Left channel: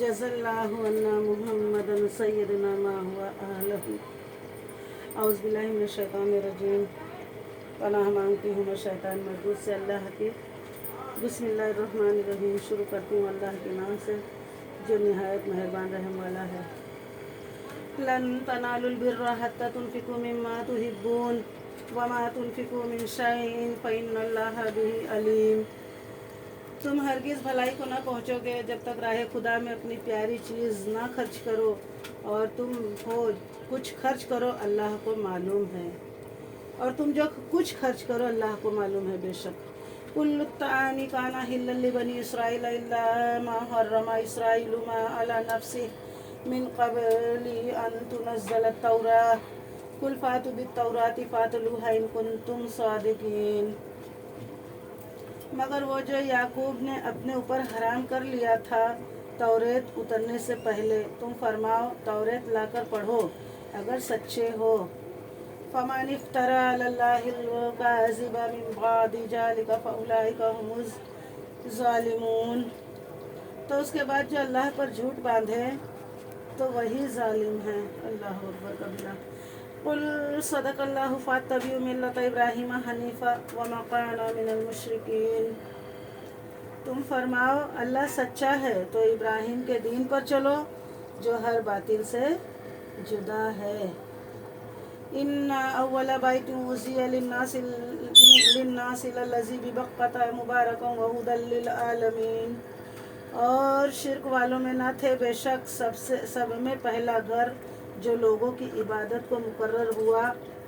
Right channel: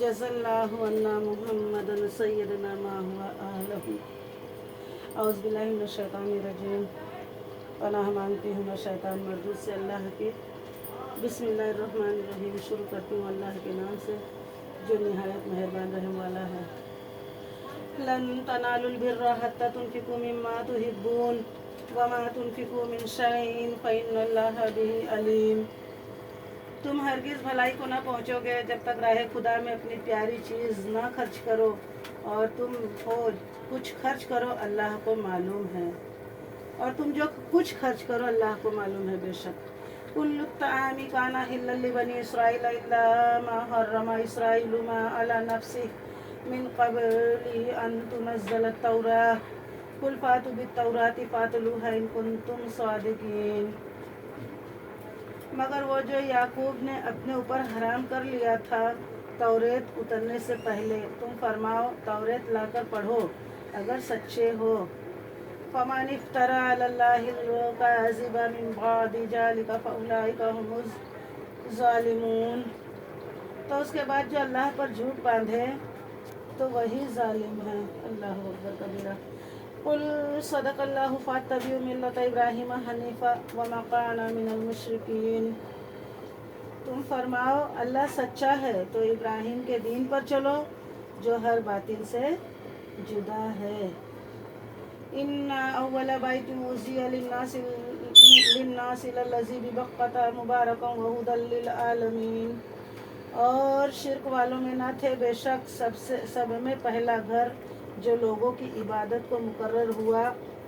जज़ल्लाहु अन्ना Muhammadan Syedna मा हुआ आलहू। औज़ बिल्लाहि मिनश शैतानिर रजीम। पनाह मांगती हूँ मैं शैतान मरदूद से अल्लाह की। बिस्मिल्लाहिर्रहमानिर्रहीम। शुरू करती हूँ अल्लाह के नाम से जो निहायत मेहरबान रहम वाला है। लन तनालुल बिर्रा हत्ता तुनफिकू मिम्मा तुहिब्बून वमा तुनफिकू मिन शैइन फ़इन्नल्लाहा बिही अलीम। तुम हरगिज़ भलाई को न पहुँचोगे जब तक राह खुदा में अपनी प्यारी चीज़ ना खर्च करो, और तुम हो कुछ खर्च करो अल्लाह को मालूम है, और तुम जो कुछ खर्च करो अल्लाह को मालूम है बेशक। कुल्लु तामी काना हिल्लल लिबनी इसराइल इल्ला मा हर्रमा इसराइलु मा अला नफ्सी मिन क़ब्ली अन तुनज़्ज़ल तौराह कुल फातु बित्तौराति फातलूहा इन कुंतुम सादिकीन। मगर वो जो याकूब ने अपने ऊपर हराम कर लिया था तौरेत उतरने से पहले, तुम फरमाओ तौरेत लाकर पढ़ो अगर सच्चे हो। फमान इफ्तरा अलल्लाहिल काज़िबा मिन बादि ज़ालिका फउलाइका हुमुज़ ज़ालिमून। तो उसके बाद जो अल्लाह पर झूठ बांधे तो वही जालिम है। अल्लाहु अकबर कबीरा। कुल सदक़ल्लाहु फ़त्तबिउ मिल्लत इब्राहीम हनीफ़ा वमा काना मिनल मुशरिकीन। तुम फरमाओ अल्लाह सच्चा है तो इब्राहिम के दीन पर चलो जो हर बातिल से जुदा है। इन्ना अव्वला बैतिन वुज़िया लिन्नासि लल्लज़ी बिबक्कता मुबारकन व हुदल लिल आलमीन। और शिर्क वालों में न थे बेशक सब में पहला घर जो लोगों की इबादत को मुकर्रर हुआ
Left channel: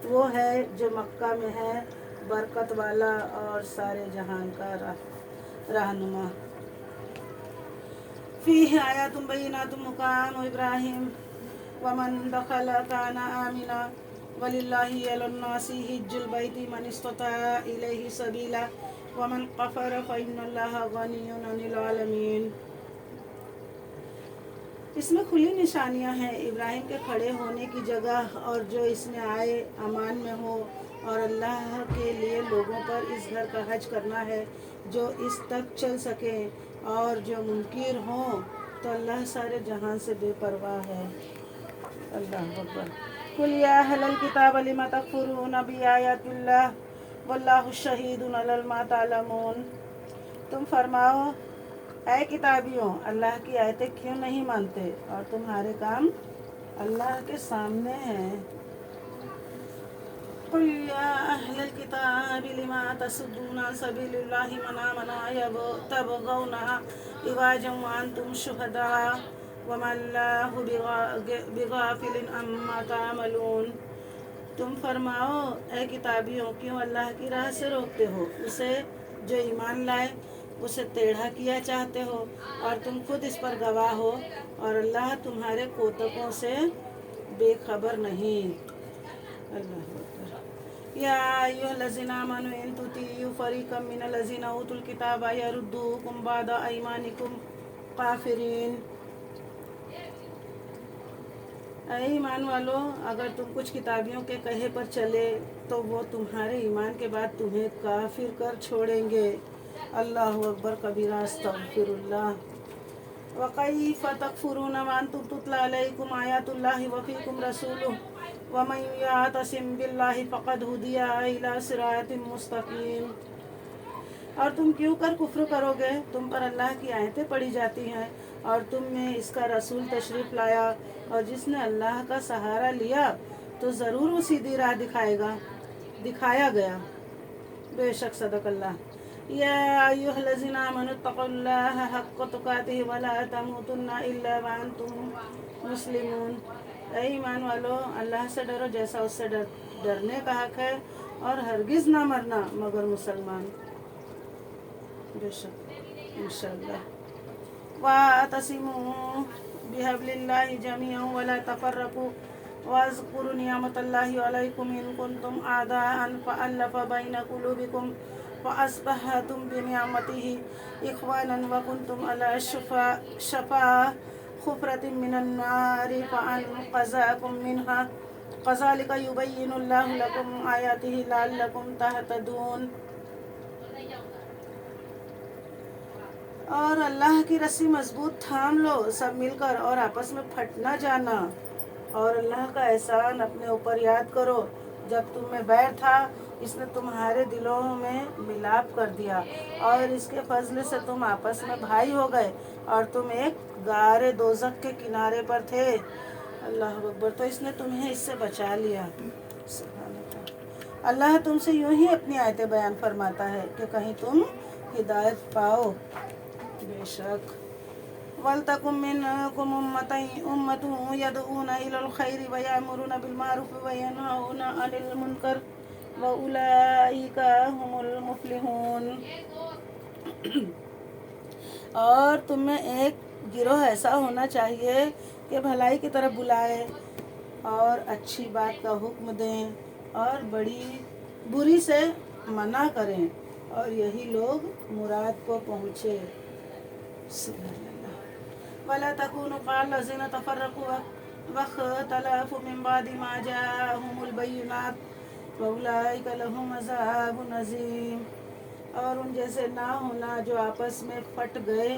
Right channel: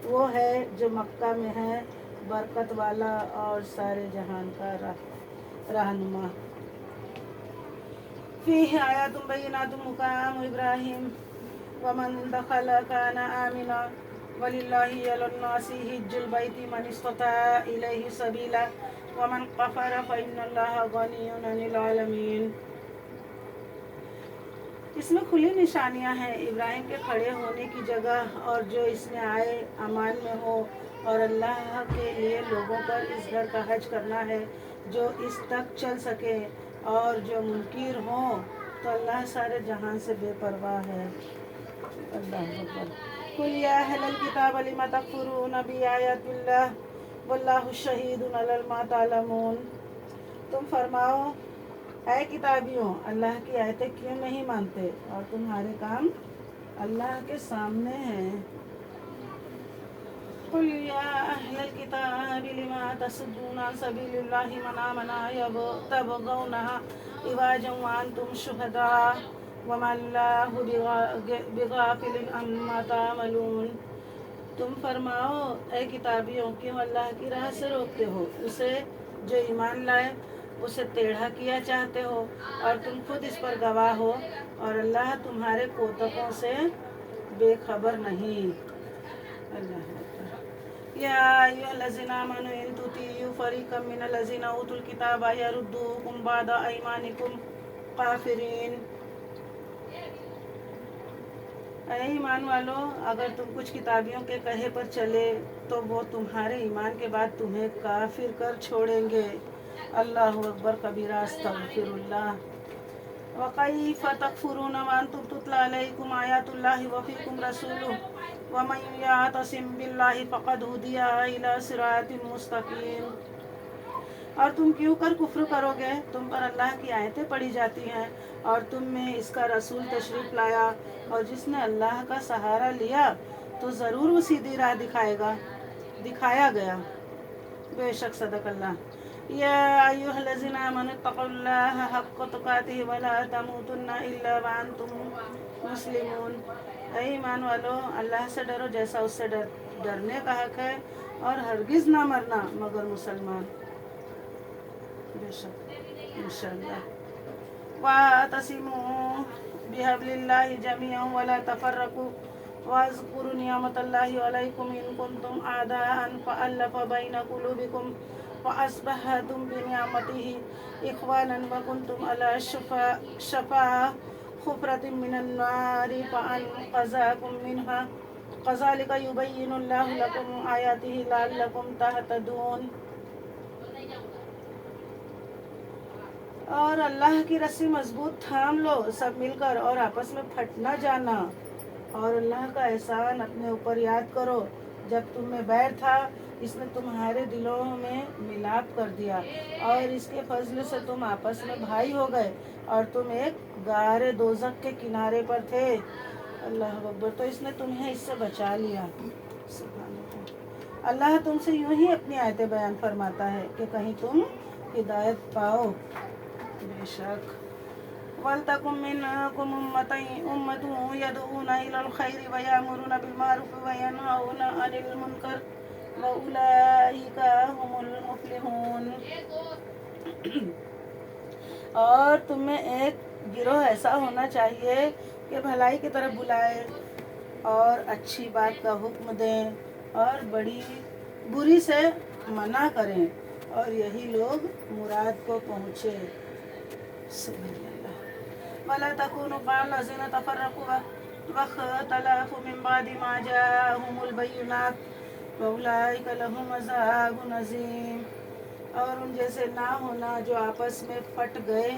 वो है जो मक्का में है, बरकत वाला और सारे जहान का रहनुमा। फीह आयातुम बय्यिनातुम मक़ामु इब्राहीम वमन दखल काना आमिना वलिल्लाहि अलन्नासि हिज्जुल बैति मन इस्तता इलैहि सबीला वमन कफर फ़इन्नल्लाहा गनिय्युन अनिल आलमीन। इसमें खुली निशानियां हैं इब्राहिम के खड़े होने की जगह, और जो इसमें आए अमान में हो, और अल्लाह के लिए लोगों पर इस घर का हज करना है जो इस तक चल सके, और जो मुनकिर हो तो अल्लाह सारे जहां से बेपरवाह है। अल्लाह अकबर। कुल या अहलल किताब लिमा तकफुरून बिआयातिल्लाह वल्लाहु शहीदुन अला मा तालमून। तुम फरमाओ ऐ किताबियों, अल्लाह की आयतें क्यों नहीं मानते और तुम्हारे काम अल्लाह के सामने हैं। कुल या अहलल किताबि लिमा तसुद्दूना सबीलिल्लाहि मन आमना तबगौनहा इवाजम व अंतुम शुहदा वमा अल्लाहु बिगाफिलिन अम्मा तामलून। तुम फरमाओ ऐ किताबियों, क्यों अल्लाह की राह से रोकते हो उसे जो ईमान लाए, उसे टेढ़ा किया चाहते हो, और तुम खुद इस पर गवाह हो, और अल्लाह तुम्हारे कोतकों से बेखबर नहीं। अल्लाह अकबर। या अय्युहल्लज़ीना आमनू इन तुतियू फ़रीक़म मिनल्लज़ीना ऊतुल किताब यरुद्दूकुम बअदा अयमानिकुम काफ़िरीन। ऐ ईमान वालो, अगर तुम कुछ किताबियों के कहे पर चले तो वो तुम्हारे ईमान के बाद तुम्हें काफिर कर छोड़ेंगे। अल्लाहु अकबर कबीरा। अस्तगफिरुल्लाह। व कैफ़ तकफुरून व अंतुम तुतला अलैकुम आयातुल्लाहि व फ़ीकुम रसूलुहु व मन यअतसिम बिल्लाहि फ़क़द हुदिया इला सिरातिन मुस्तक़ीम। और तुम क्यों कर कुफ्र करोगे, तुम पर अल्लाह की आयतें पढ़ी जाती हैं और तुम में इसका रसूल तशरीफ़ लाया, और जिसने अल्लाह का सहारा लिया तो ज़रूर वो सीधी राह दिखाया गया। बेशक सदक़ल्लाह। या अय्युहल्लज़ीना आमनू तक़ुल्लाह हक़्क़ तुक़ातिही व ला तमूतुन्ना इल्ला व अंतुम मुस्लिमून। ऐ ईमान वालो, अल्लाह से डरो जैसा उससे डरने का हक है, और हरगिज़ ना मरना मगर मुसलमान। बेशक इंशाअल्लाह। वातसिमू बिहब्लिल्लाहि जमीअन वला तफर्रकू वज़्कुरू निअमतल्लाहि अलैकुम इन कुंतुम आदाअन फ़अल्लफ़ बैन क़ुलूबिकुम फ़अस्बहतुम बिनिअमतिही इख़वानन व कुंतुम अला शफ़ा हुफ़रतिन मिनन नारि फ़अन्क़ज़कुम मिनहा कज़ालिका युबय्यिनुल्लाहु लकुम आयातिही लअल्लकुम तहतदून। اور اللہ کی رسی مضبوط تھام لو سب مل کر اور آپس میں پھٹ نہ جانا. اور اللہ کا احسان اپنے اوپر یاد کرو. جب تم میں بیر تھا اس نے تمہارے دلوں میں ملاپ کر دیا اور اس کے فضل سے تم آپس میں بھائی ہو گئے اور تم ایک غار دوزخ کے کنارے پر تھے. اللہ اکبر. تو اس نے تمہیں اس سے بچا لیا. سبحان اللہ. اللہ تم سے یوں ہی اپنی آیتیں بیان فرماتا ہے کہ کہیں تم ہدایت پاؤ. بے شک وَلْتَكُن مِّنكُمْ أُمَّةٌ يَدْعُونَ إِلَى الْخَيْرِ وَيَأْمُرُونَ بِالْمَعْرُوفِ وَيَنْهَوْنَ عَنِ الْمُنكَرِ وَأُولَٰئِكَ هُمُ الْمُفْلِحُونَ. اور تم میں ایک گروہ ایسا ہونا چاہیے کہ بھلائی کی طرف بلائے اور اچھی بات کا حکم دیں اور بری سے منع کریں اور یہی لوگ مراد کو پہنچے. سبحان اللہ. وَلَا تَكُونُوا كَالَّذِينَ تَفَرَّقُوا وَاخْتَلَفُوا مِن بَعْدِ مَا جَاءَهُمُ الْبَيِّنَاتُ وَأُولَٰئِكَ لَهُمْ عَذَابٌ عَظِيمٌ. اور ان جیسے نہ ہونا جو آپس میں پھٹ گئے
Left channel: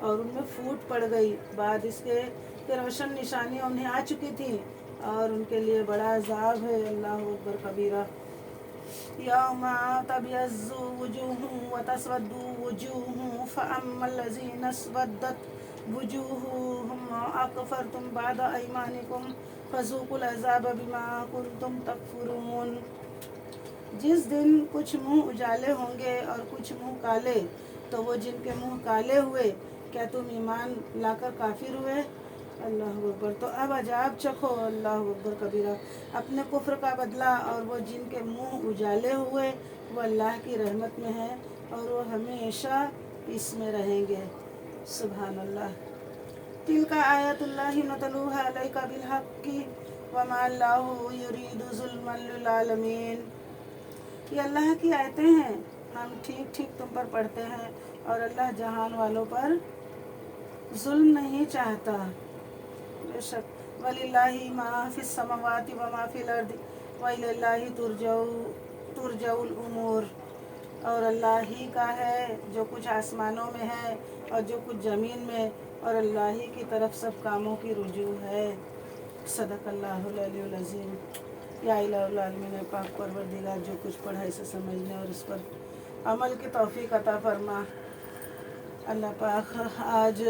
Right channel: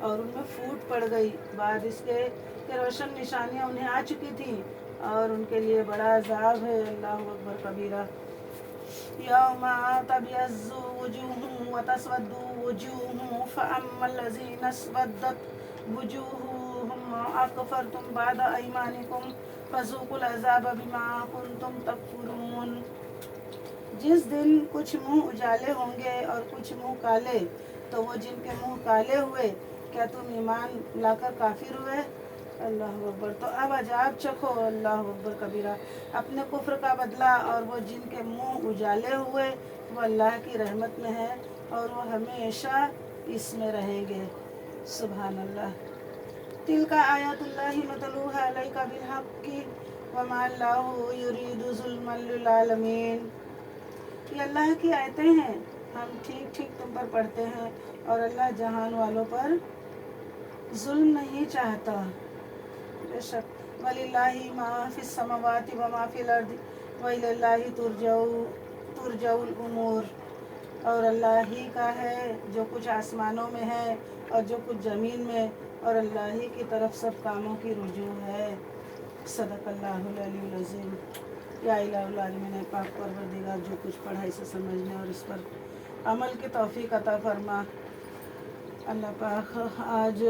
اور ان میں پھوٹ پڑ گئی بعد اس کے کہ روشن نشانیاں انہیں آ چکی تھیں اور ان کے لیے بڑا عذاب ہے. اللہ اکبر کبیرہ. یوم تبیض وجوہ وتسود وجوہ فاما الذین اسودت وجوہہم اکفرتم بعد ایمانکم فذوقوا العذاب بما کنتم تکفرون. جس دن کچھ منہ اجالے ہوں گے اور کچھ منہ کالے تو وہ جن کے منہ کالے ہوئے کیا تم ایمان لا کر کافر ہوئے. اللہ اکبر. تو اب عذاب چکھو. اللہ اکبر کبیرہ. اپنے کفر کا بدلہ. اور وہ جن کے منہ اجالے ہوئے وہ اللہ کی رحمت میں ہے اور وہ ہمیشہ اس میں رہیں گے. سبحان اللہ. تلک آیات اللہ نتلوها علیک بالحق وما اللہ یرید ظلما للعالمین. یہ اللہ کی آیتیں ہیں ہم ٹھیک ٹھیک تم پر پڑھتے ہیں اور اللہ جہان والوں پر ظلم نہیں چاہتا. بے شک. وَلِلَّهِ مَا فِي السَّمَاوَاتِ وَمَا فِي الْأَرْضِ وَإِلَى اللَّهِ تُرْجَعُ الْأُمُورُ. اور اللہ ہی کا ہے جو کچھ آسمانوں میں ہے اور جو کچھ زمین میں اور اللہ ہی کی طرف سب کاموں کی رجوع ہے. صدق اللہ العلی العظیم. یا الہ العالمین پاک پروردگار جو کچھ پڑھا اسے سمجھنے اور اس پر عمل کی توفیق عطا فرما. اللہ پاک آج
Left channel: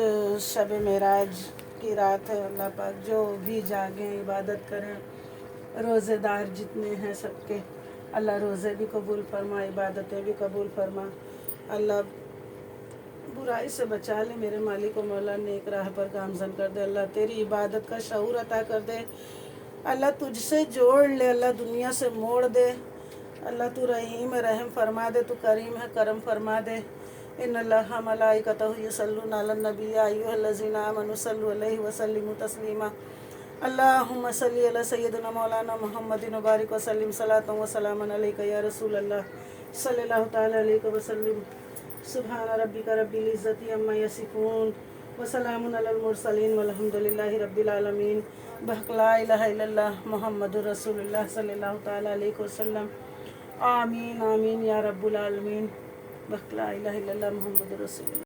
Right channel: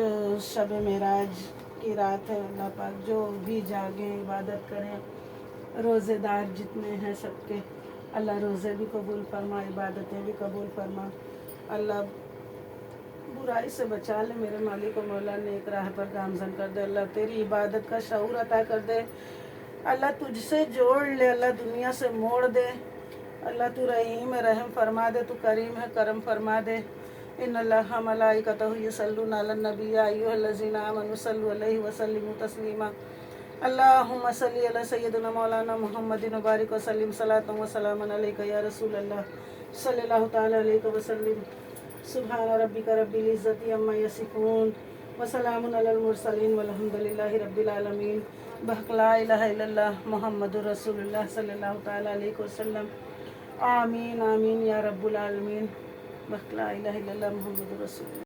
شب معراج کی رات ہے. اللہ پاک جو بھی جاگیں عبادت کریں روزے دار جتنے ہیں سب کے اللہ روزے بھی قبول فرما عبادتیں بھی قبول فرما. اللہ برائی سے بچا لے میرے مالک و مولا نیک راہ پر گامزن کر دے. اللہ تیری عبادت کا شعور عطا کر دے. اللہ تجھ سے جوڑ لے. اللہ دنیا سے موڑ دے. اللہ تو رحیم رحم فرما دے. تو کریم ہے کرم فرما دے. ان اللہ ملائکتہ یصلون علی النبی یا ایھا الذین آمنوا صلوا علیہ وسلموا تسلیما. اللہم صلی علی سیدنا مولانا محمد وبارک وسلم صلاۃ و سلام علیک یا رسول اللہ صلی اللہ تعالی علیہ وسلم. سبحان ربک رب العزۃ عما یصفون وسلام علی المرسلین والحمد للہ رب العالمین. بحق لا الہ الا اللہ محمد رسول اللہ صلی اللہ تعالی علیہ وسلم. آمین آمین یا رب العالمین. بحق لا الہ الا اللہ محمد رسول اللہ.